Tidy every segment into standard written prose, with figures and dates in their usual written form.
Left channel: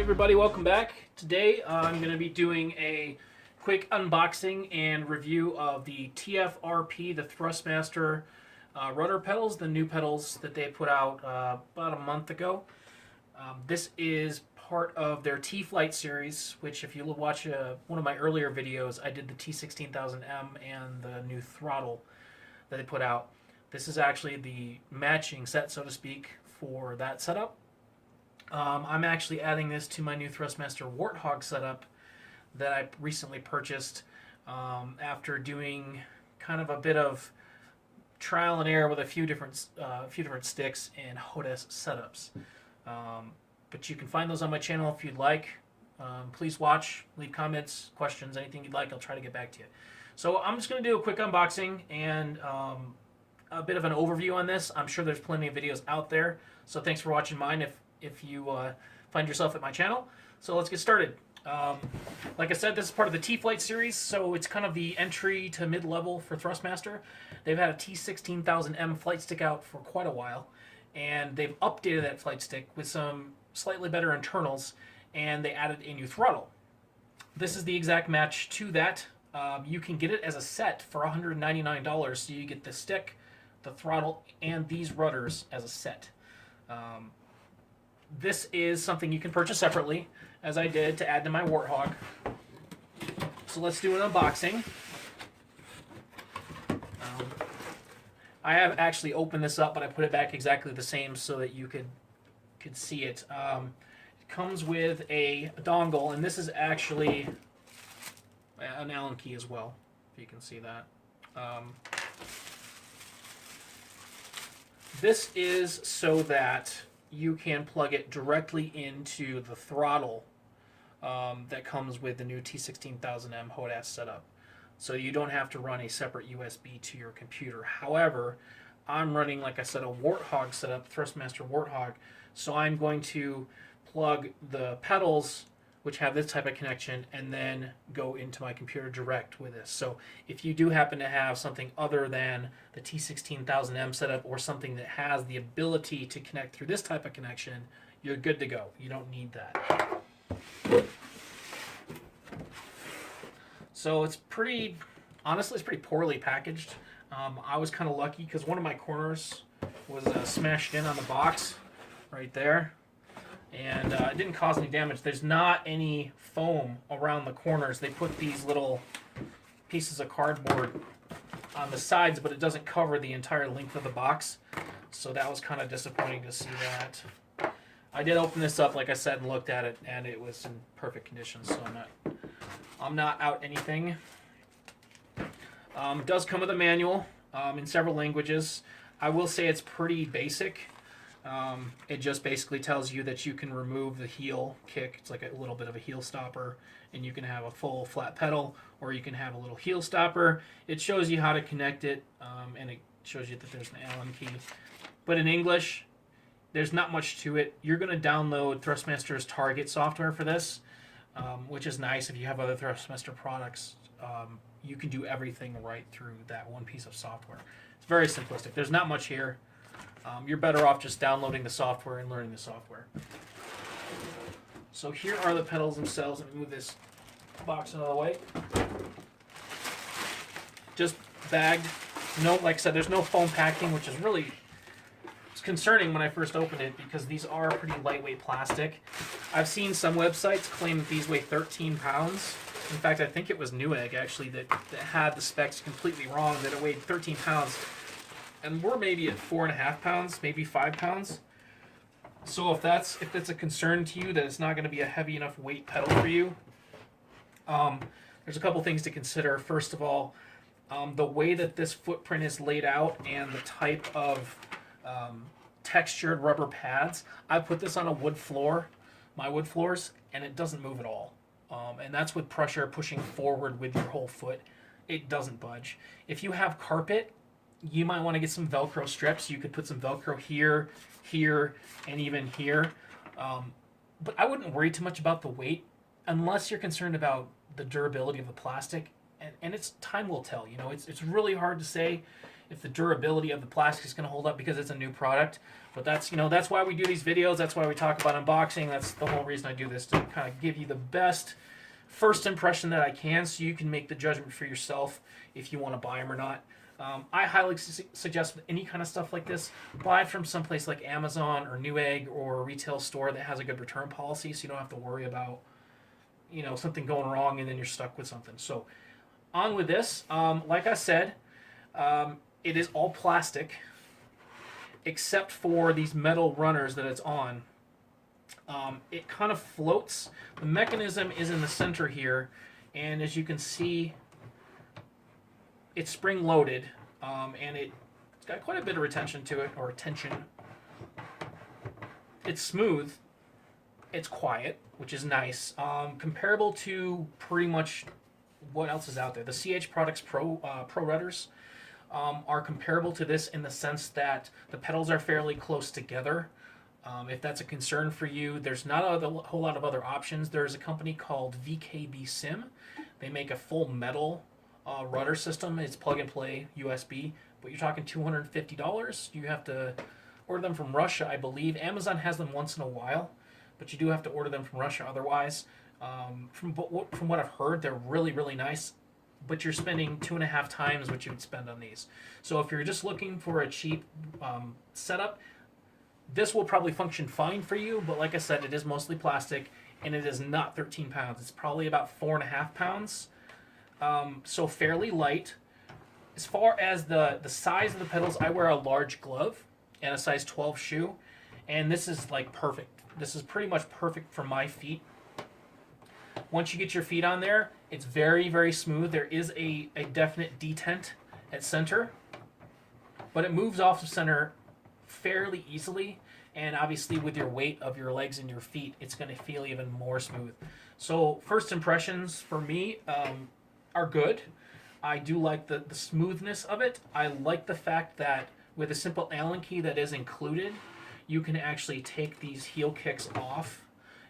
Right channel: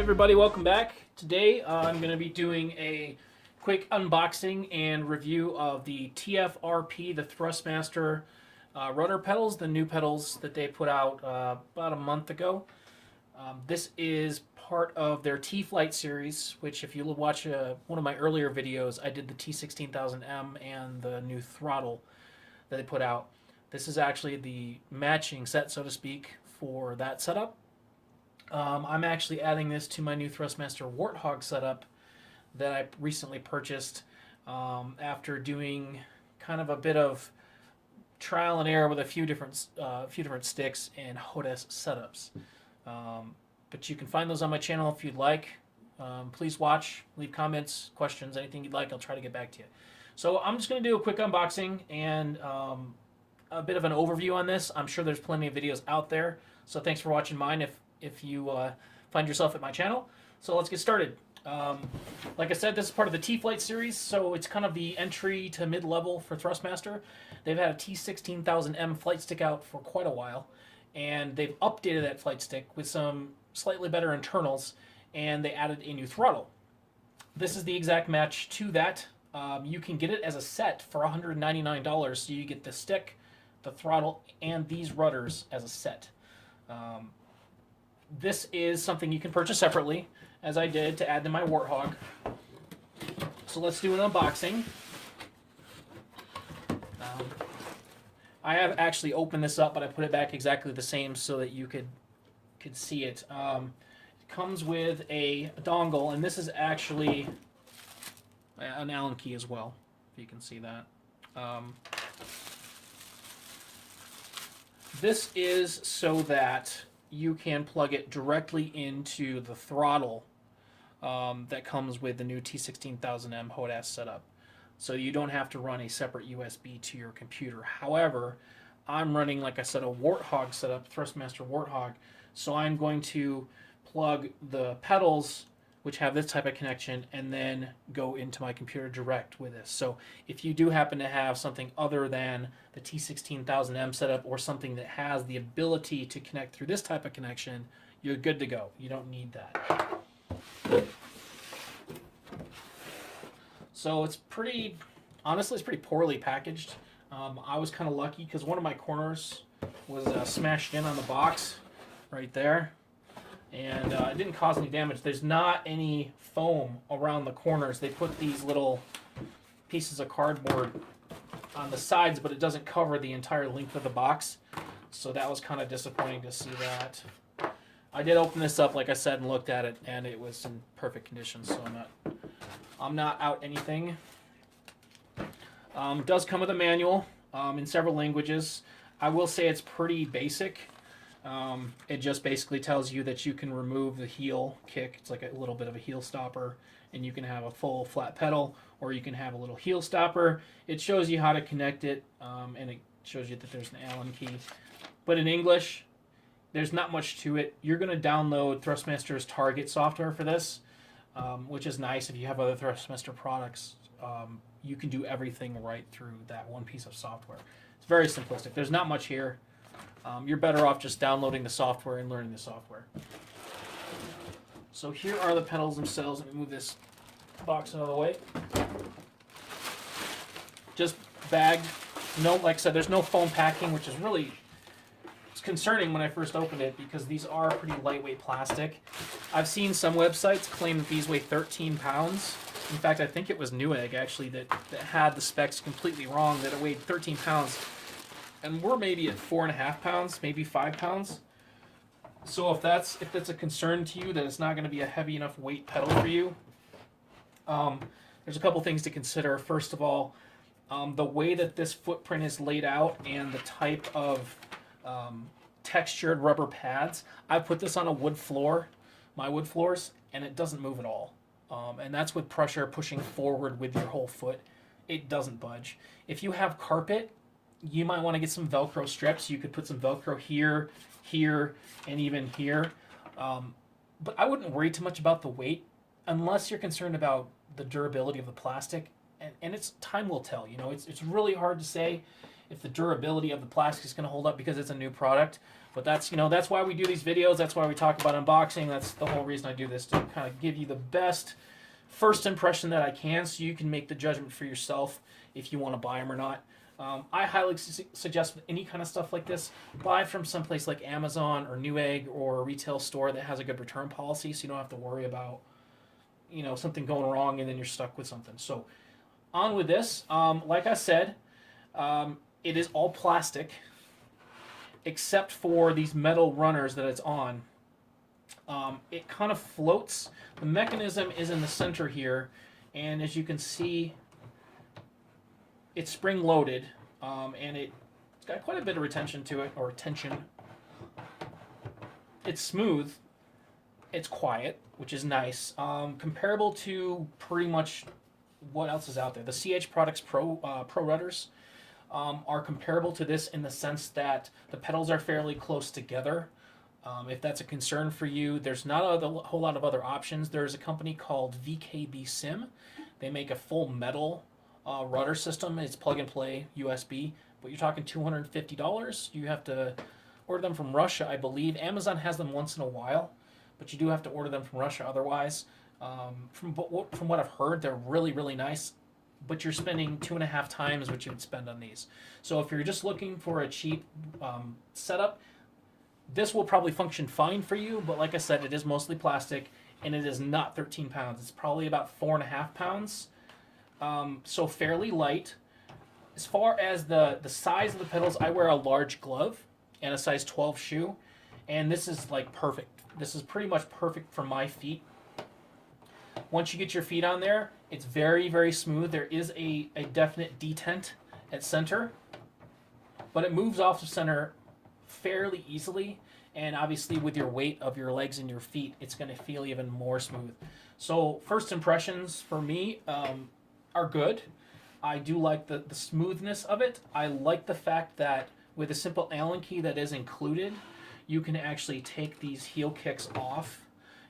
everybody, welcome back. Today I'm going to be doing a quick unboxing and review of the TFRP, the THRUSTMASTER rudder pedals, the new pedals that they put out about a month ago. This is part of their T-Flight series, which if you watch one of my earlier videos, I did the T16000M and the new throttle that they put out. This is actually the matching set, so to speak, for that setup. I'm actually adding this to my new THRUSTMASTER Warthog setup that I recently purchased after doing kind of a bit of trial and error with a few different sticks and HODES setups. But you can find those on my channel if you'd like. Please watch, leave comments, questions, anything you'd like. I'll try to get back to you. So I'm just going to do a quick unboxing and a bit of an overview on this. I'm sure there's plenty of videos out there. So thanks for watching mine if you find yourself at my channel. So let's get started. Like I said, this is part of the T-Flight series, so it's kind of the entry to mid-level for THRUSTMASTER. They've had a T16000M flight stick out for quite a while, and they've updated that flight stick with some slightly better internals, and they added a new throttle. This is the exact match to that. You can get it as a set for $199, so you get the stick, the throttle, and these rudders as a set. This is something you can purchase separately, as I did to add to my Warthog. So let's do an unboxing. I have actually opened this up, but I put it back exactly the same so that you could see it. It comes with a dongle, and this is actually an Allen key as well, if you can see that. This is so that you can plug it directly into the throttle that comes with the new T16000M HODES setup. So you don't have to run a separate USB to your computer. However, I'm running, like I said, a Warthog setup, THRUSTMASTER Warthog. So I'm going to plug the pedals, which have this type of connection, and then go into my computer direct with this. So if you do happen to have something other than the T16000M setup or something that has the ability to connect through this type of connection, you're good to go. You don't need that. So it's pretty, honestly, it's pretty poorly packaged. I was kind of lucky because one of my corners was smashed in on the box right there. And it didn't cause any damage. There's not any foam around the corners. They put these little pieces of cardboard on the sides, but it doesn't cover the entire length of the box. So that was kind of disappointing to see that. I did open this up, like I said, and looked at it, and it was in perfect condition. So I'm not out anything. It does come with a manual in several languages. I will say it's pretty basic. It just basically tells you that you can remove the heel kick. It's like a little bit of a heel stopper, and you can have a full flat pedal, or you can have a little heel stopper. It shows you how to connect it, and it shows you that there's an Allen key. But in English, there's not much to it. You're going to download THRUSTMASTER's Target software for this, which is nice if you have other THRUSTMASTER products. You can do everything right through that one piece of software. It's very simplistic. There's not much here. You're better off just downloading the software and learning the software. So here are the pedals themselves. Let me move this box out of the way. Just bagged. No, like I said, there's no foam packing, which is really it's concerning when I first opened it because these are pretty lightweight plastic. I've seen some websites claim that these weigh 13 pounds. In fact, I think it was Newegg actually that had the specs completely wrong, that it weighed 13 pounds. And we're maybe at 4.5 pounds, maybe 5 pounds. So if that's a concern to you that it's not going to be a heavy enough weight pedal for you, there's a couple things to consider. First of all, the way that this footprint is laid out and the type of textured rubber pads. I put this on a wood floor, my wood floors, and it doesn't move at all. And that's with pressure pushing forward with your whole foot. It doesn't budge. If you have carpet, you might want to get some Velcro strips. You could put some Velcro here, here, and even here. But I wouldn't worry too much about the weight unless you're concerned about the durability of the plastic. And it's time will tell. You know, it's really hard to say. if the durability of the plastic is going to hold up because it's a new product. But that's, you know, that's why we do these videos. That's why we talk about unboxing. That's the whole reason I do this, to kind of give you the best first impression that I can, so you can make the judgment for yourself if you want to buy them or not. I highly suggest with any kind of stuff like this, buy from someplace like Amazon or Newegg or a retail store that has a good return policy, so you don't have to worry about, you know, something going wrong and then you're stuck with something. So on with this. Like I said, it is all plastic except for these metal runners that it's on. It kind of floats. The mechanism is in the center here, and as you can see, it's spring loaded, and it's got quite a bit of retention to it, or tension. It's smooth. It's quiet, which is nice. Comparable to pretty much what else is out there. The CH Products Pro Rudders are comparable to this in the sense that the pedals are fairly close together. If that's a concern for you, there's not a whole lot of other options. There's a company called VKB Sim. They make a full metal rudder system. It's plug and play USB, but you're talking $250. You have to order them from Russia, I believe. Amazon has them once in a while, but you do have to order them from Russia otherwise. From what I've heard, they're really, really nice, but you're spending 2.5 times what you would spend on these. So if you're just looking for a cheap setup, this will probably function fine for you, but like I said, it is mostly plastic, and it is not 13 pounds. It's probably about 4.5 pounds, so fairly light. As far as the size of the pedals, I wear a large glove and a size 12 shoe, and this is like perfect. This is pretty much perfect for my feet. Once you get your feet on there, it's very, very smooth. There is a definite detent at center, but it moves off the center fairly easily, and obviously with your weight of your legs and your feet, it's going to feel even more smooth. So first impressions for me are good. I do like the smoothness of it. I like the fact that with a simple Allen key that is included, you can actually take these heel kicks off,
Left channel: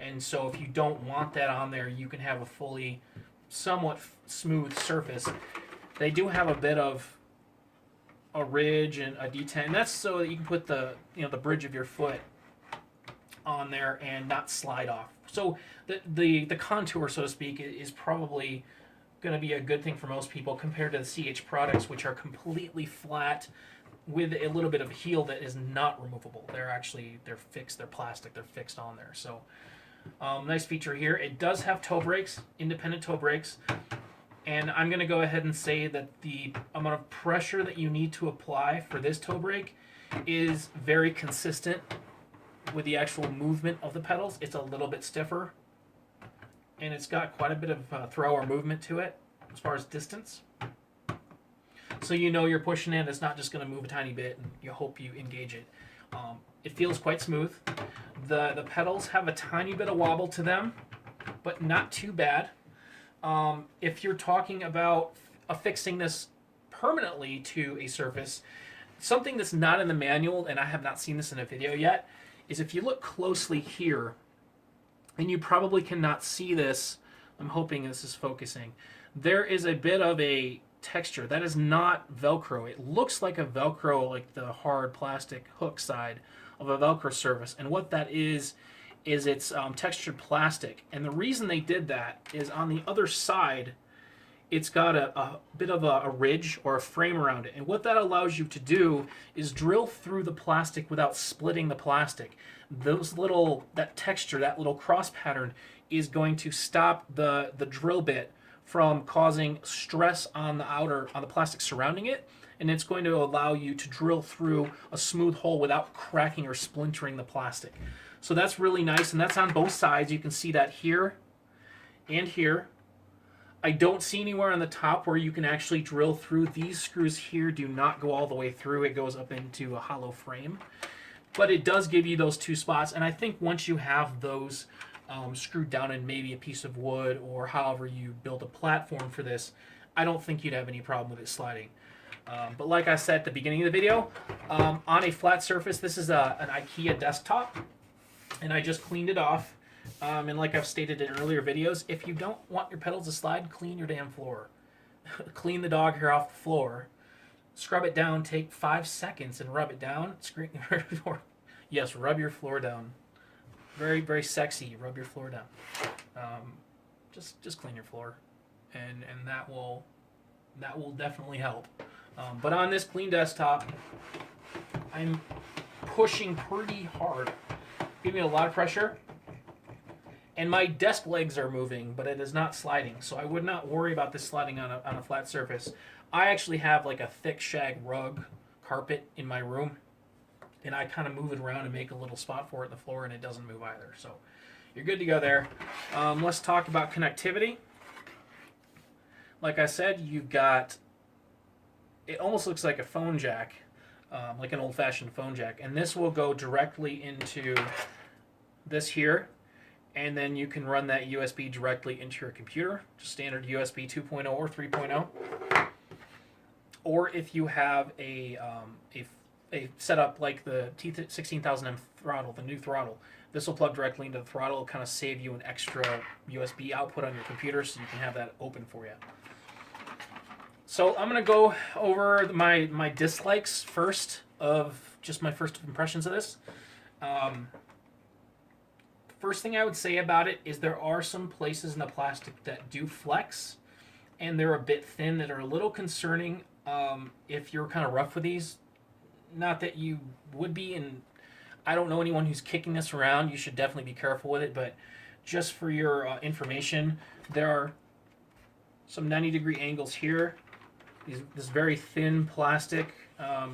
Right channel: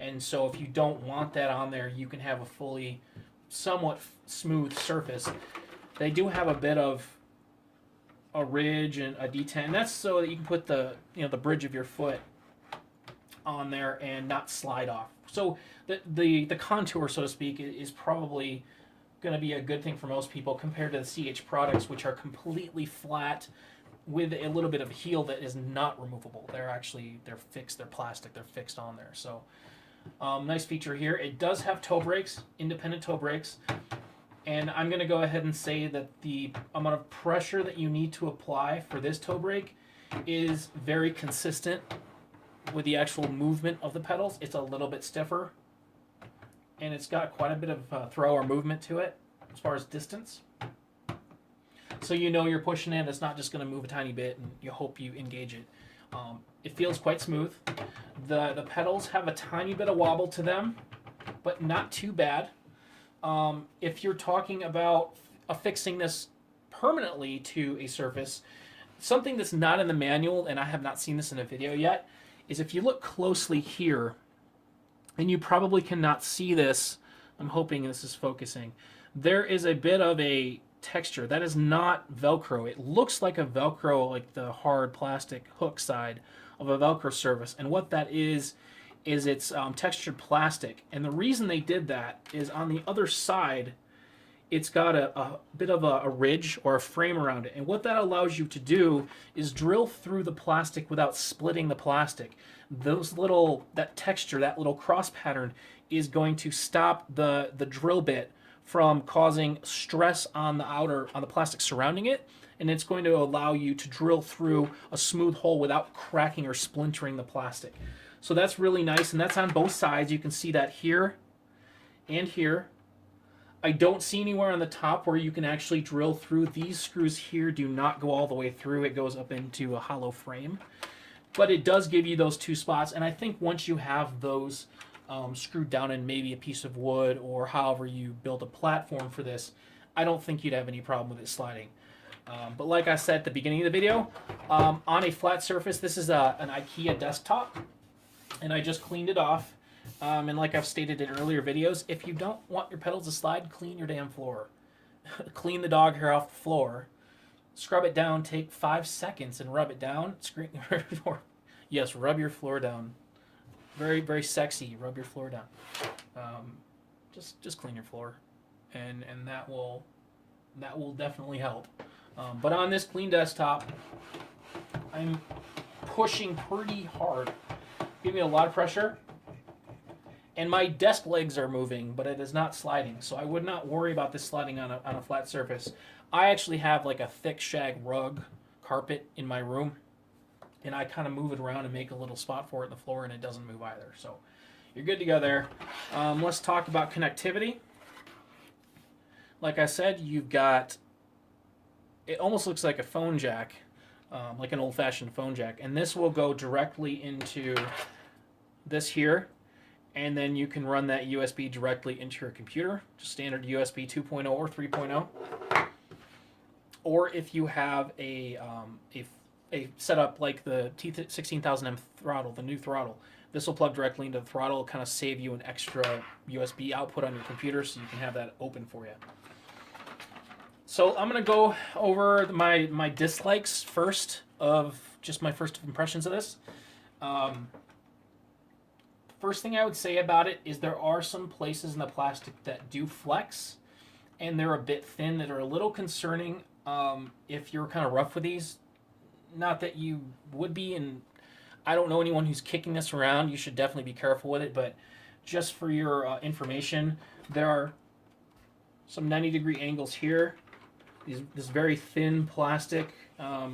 and so if you don't want that on there, you can have a fully somewhat smooth surface. They do have a bit of a ridge and a detent, and that's so that you can put the bridge of your foot on there and not slide off. So the contour, so to speak, is probably going to be a good thing for most people compared to the CH products, which are completely flat with a little bit of a heel that is not removable. They're fixed. They're plastic. They're fixed on there. So nice feature here. It does have toe brakes, independent toe brakes. And I'm going to go ahead and say that the amount of pressure that you need to apply for this toe brake is very consistent with the actual movement of the pedals. It's a little bit stiffer, and it's got quite a bit of throw or movement to it as far as distance. So you know you're pushing it. It's not just going to move a tiny bit, and you hope you engage it. It feels quite smooth. The pedals have a tiny bit of wobble to them, but not too bad. If you're talking about affixing this permanently to a surface, something that's not in the manual, and I have not seen this in a video yet, is if you look closely here, and you probably cannot see this, I'm hoping this is focusing, there is a bit of a texture. That is not Velcro. It looks like a Velcro, like the hard plastic hook side of a Velcro surface, and what that is it's textured plastic. And the reason they did that is on the other side, it's got a bit of a ridge or a frame around it. And what that allows you to do is drill through the plastic without splitting the plastic. That texture, that little cross pattern is going to stop the drill bit from causing stress on the plastic surrounding it. And it's going to allow you to drill through a smooth hole without cracking or splintering the plastic. So that's really nice, and that's on both sides. You can see that here and here. I don't see anywhere on the top where you can actually drill through. These screws here do not go all the way through. It goes up into a hollow frame. But it does give you those two spots, and I think once you have those screwed down in maybe a piece of wood or however you build a platform for this, I don't think you'd have any problem with it sliding. But like I said at the beginning of the video, on a flat surface, this is an IKEA desktop. And I just cleaned it off. And like I've stated in earlier videos, if you don't want your pedals to slide, clean your damn floor. Clean the dog hair off the floor. Scrub it down, take 5 seconds and rub it down. Yes, rub your floor down. Very, very sexy. Rub your floor down. Just clean your floor, and that will definitely help. But on this clean desktop, I'm pushing pretty hard, giving it a lot of pressure, and my desk legs are moving, but it is not sliding. So I would not worry about this sliding on a flat surface. I actually have like a thick shag rug carpet in my room, and I kind of move it around and make a little spot for it in the floor, and it doesn't move either. So you're good to go there. Let's talk about connectivity. Like I said, you've got, it almost looks like a phone jack, like an old-fashioned phone jack, and this will go directly into this here, and then you can run that USB directly into your computer, just standard USB 2.0 or 3.0. Or if you have a setup like the T16000M throttle, the new throttle, this will plug directly into the throttle. It'll kind of save you an extra USB output on your computer, so you can have that open for you. So I'm going to go over my dislikes first, of just my first impressions of this. First thing I would say about it is there are some places in the plastic that do flex, and they're a bit thin, that are a little concerning if you're kind of rough with these. Not that you would be, and I don't know anyone who's kicking this around. You should definitely be careful with it, but just for your information, there are some 90-degree angles here. This very thin plastic, I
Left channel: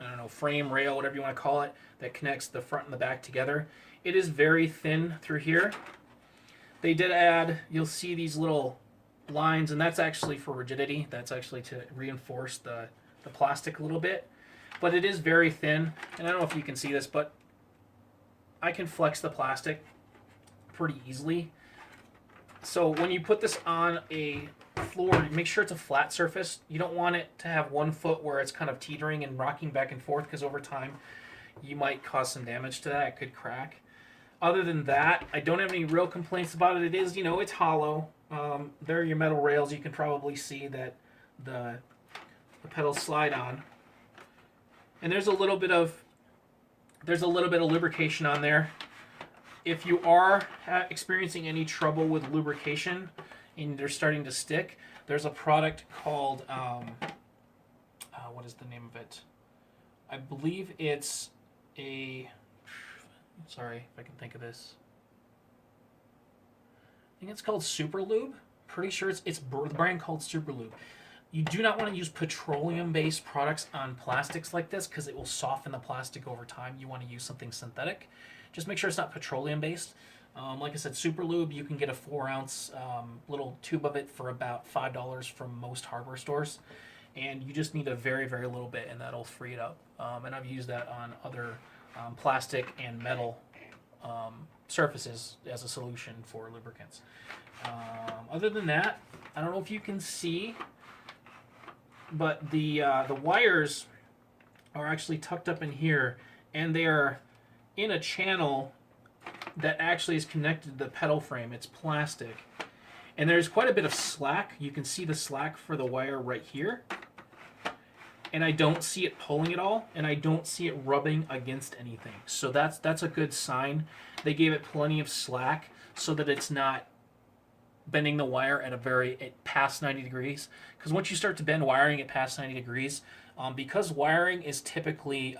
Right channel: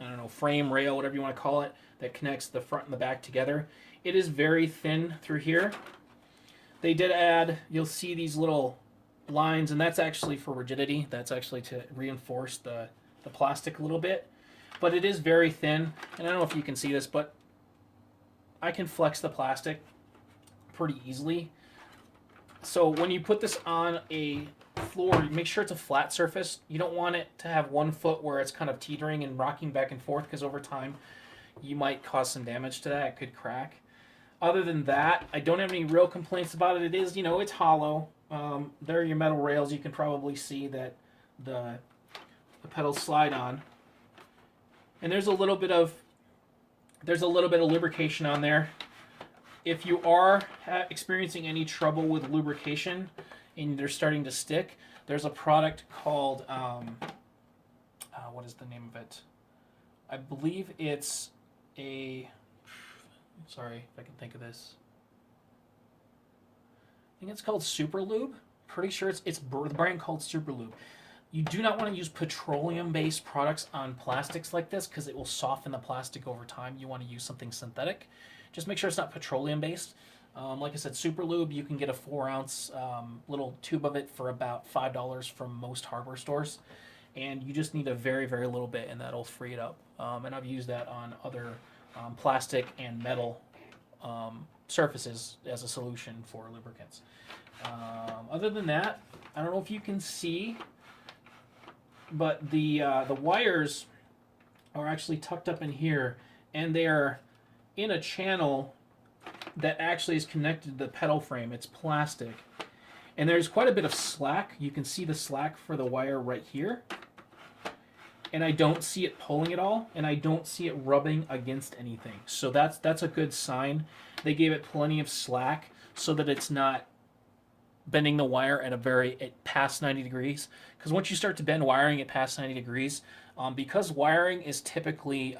don't know, frame, rail, whatever you want to call it, that connects the front and the back together. It is very thin through here. They did add, you'll see these little lines, and that's actually for rigidity. That's actually to reinforce the plastic a little bit. But it is very thin, and I don't know if you can see this, but I can flex the plastic pretty easily. So when you put this on a floor, make sure it's a flat surface. You don't want it to have one foot where it's kind of teetering and rocking back and forth, because over time you might cause some damage to that. It could crack. Other than that, I don't have any real complaints about it. It is, it's hollow. There are your metal rails. You can probably see that the pedals slide on. And there's a little bit of lubrication on there. If you are experiencing any trouble with lubrication and they're starting to stick, there's a product called what is the name of it? I believe it's sorry if I can think of this. I think it's called Super Lube. Pretty sure it's the brand called Super Lube. You do not want to use petroleum-based products on plastics like this, because it will soften the plastic over time. You want to use something synthetic. Just make sure it's not petroleum-based. Like I said, Super Lube, you can get a 4-ounce little tube of it for about $5 from most hardware stores. And you just need a very, very little bit, and that'll free it up. And I've used that on other plastic and metal surfaces as a solution for lubricants. Other than that, I don't know if you can see, but the wires are actually tucked up in here, and they're in a channel that actually is connected to the pedal frame. It's plastic, and there's quite a bit of slack. You can see the slack for the wire right here, and I don't see it pulling at all, and I don't see it rubbing against anything. So that's a good sign. They gave it plenty of slack so that it's not bending the wire at past 90 degrees. Because once you start to bend wiring at past 90 degrees, because wiring is typically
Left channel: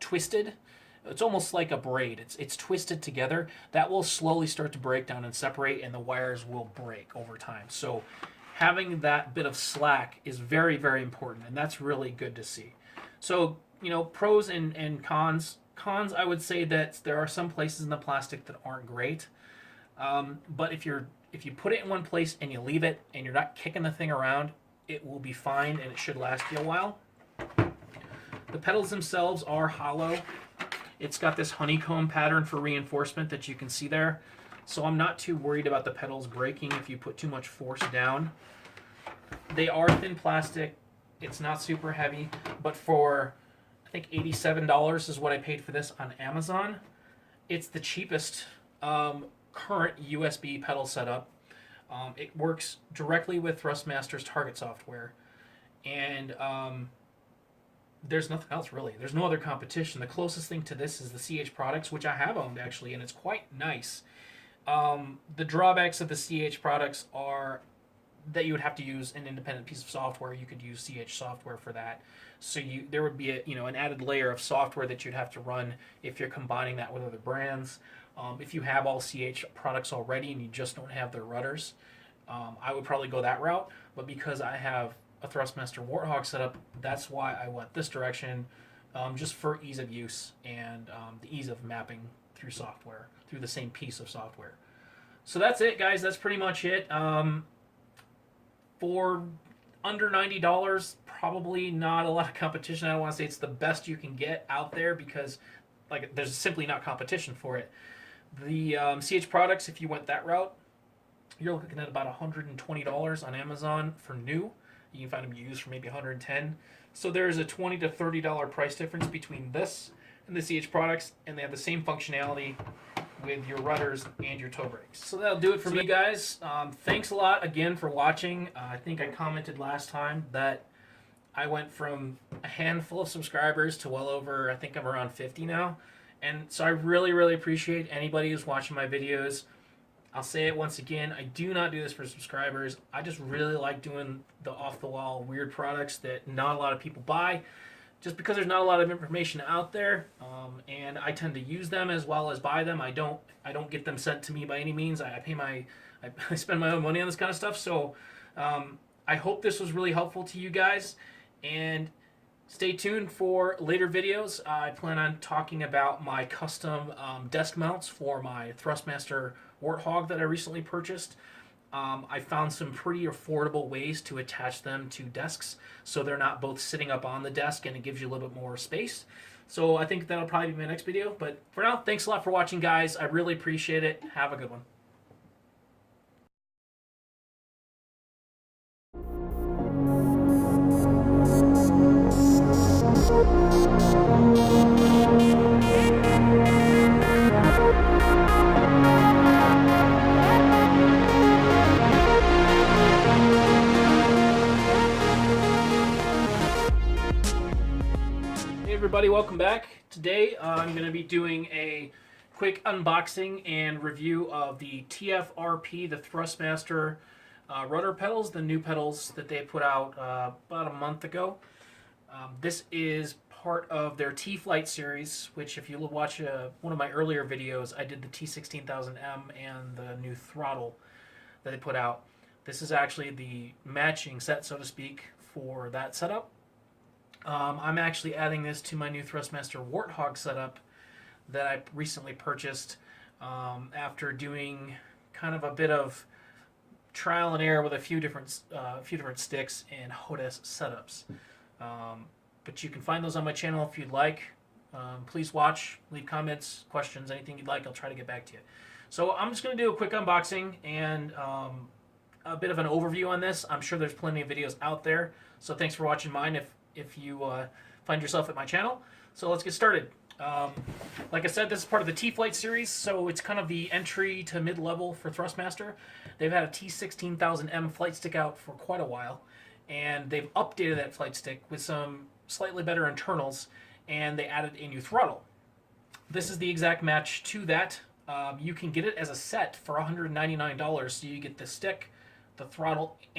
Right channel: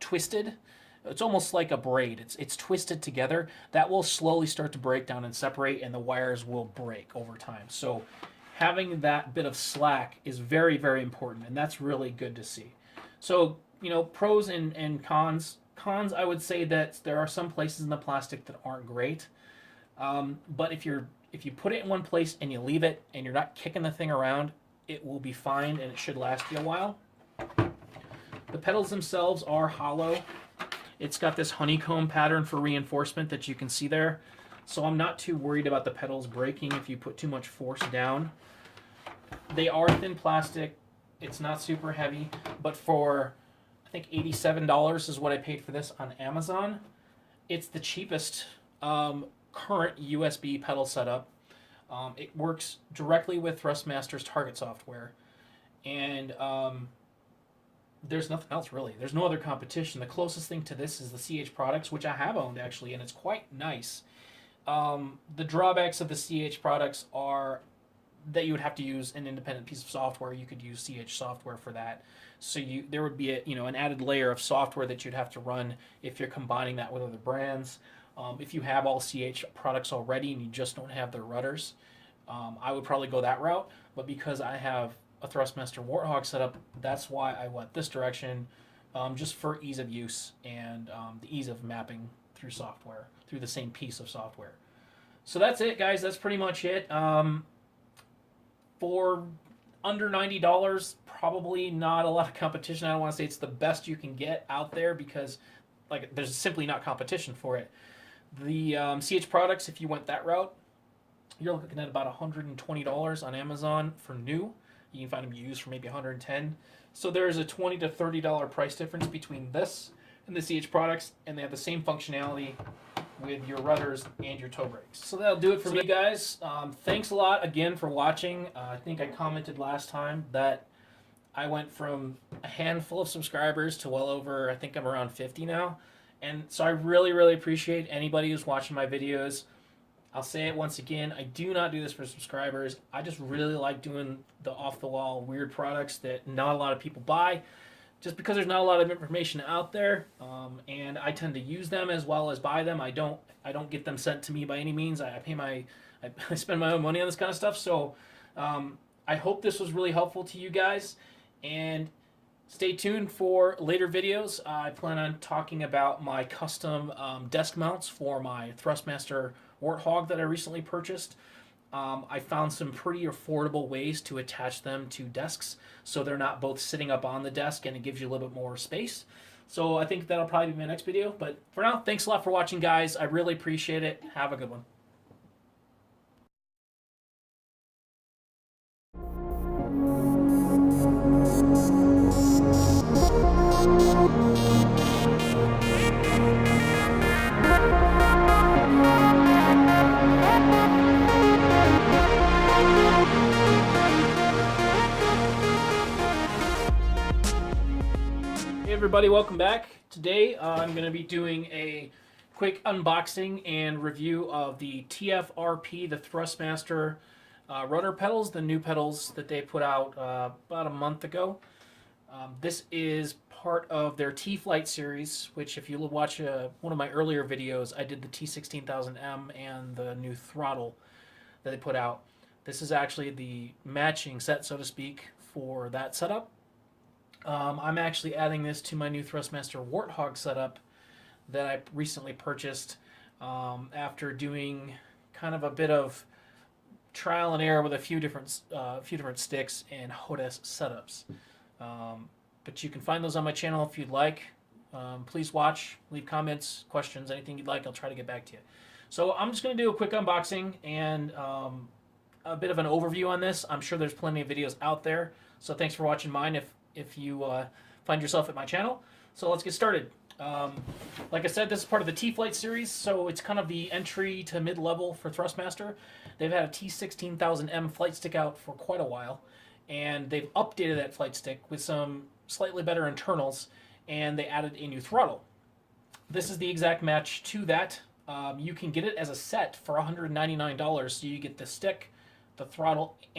twisted, it's almost like a braid. It's twisted together. That will slowly start to break down and separate, and the wires will break over time. So having that bit of slack is very, very important, and that's really good to see. So, pros and cons. Cons, I would say that there are some places in the plastic that aren't great. But if you put it in one place and you leave it and you're not kicking the thing around, it will be fine, and it should last you a while. The pedals themselves are hollow. It's got this honeycomb pattern for reinforcement that you can see there. So I'm not too worried about the pedals breaking if you put too much force down. They are thin plastic. It's not super heavy, but for, I think, $87 is what I paid for this on Amazon. It's the cheapest current USB pedal setup. It works directly with THRUSTMASTER's target software. and there's nothing else really. There's no other competition. The closest thing to this is the CH products, which I have owned actually, and it's quite nice. The drawbacks of the CH products are that you would have to use an independent piece of software. You could use CH software for that. So there would be an added layer of software that you'd have to run if you're combining that with other brands. If you have all CH products already and you just don't have their rudders, I would probably go that route. But because I have a THRUSTMASTER Warthog setup, that's why I went this direction, just for ease of use and the ease of mapping through software, through the same piece of software. So that's it, guys. That's pretty much it. For under $90, probably not a lot of competition. I don't want to say it's the best you can get out there because there's simply not competition for it. The CH products, if you went that route, you're looking at about $120 on Amazon for new. You can find them used for maybe $110. So there's a $20 to $30 price difference between this and the CH products, and they have the same functionality with your rudders and your toe brakes. So that'll do it for me, guys. Thanks a lot again for watching. I think I commented last time that I went from a handful of subscribers to well over, I think I'm around 50 now. And so I really, really appreciate anybody who's watching my videos. I'll say it once again, I do not do this for subscribers. I just really like doing the off-the-wall weird products that not a lot of people buy, just because there's not a lot of information out there, and I tend to use them as well as buy them. I don't get them sent to me by any means. I spend my own money on this kind of stuff. So I hope this was really helpful to you guys, and stay tuned for later videos. I plan on talking about my custom desk mounts for my THRUSTMASTER Warthog that I recently purchased. I found some pretty affordable ways to attach them to desks so they're not both sitting up on the desk, and it gives you a little bit more space. So I think that'll probably be my next video. But for now, thanks a lot for watching, guys. I really appreciate it. Have a good one. Hey everybody, welcome back. Today I'm going to be doing a quick unboxing and review of the TFRP, the THRUSTMASTER rudder pedals, the new pedals that they put out about a month ago. This is part of their T-Flight series, which if you watch one of my earlier videos, I did the T16000M and the new throttle that they put out. This is actually the matching set, so to speak, for that setup. I'm actually adding this to my new THRUSTMASTER Warthog setup that I recently purchased after doing kind of a bit of trial and error with a few different sticks and HODES setups. But you can find those on my channel if you'd like. Please watch, leave comments, questions, anything you'd like. I'll try to get back to you. So I'm just going to do a quick unboxing and a bit of an overview on this. I'm sure there's plenty of videos out there. So thanks for watching mine if you find yourself at my channel. So let's get started. Like I said, this is part of the T-Flight series, so it's kind of the entry to mid-level for THRUSTMASTER. They've had a T16000M flight stick out for quite a while, and they've updated that flight stick with some slightly better internals, and they added a new throttle. This is the exact match to that. You can get it as a set for $199, so you get the stick, the throttle,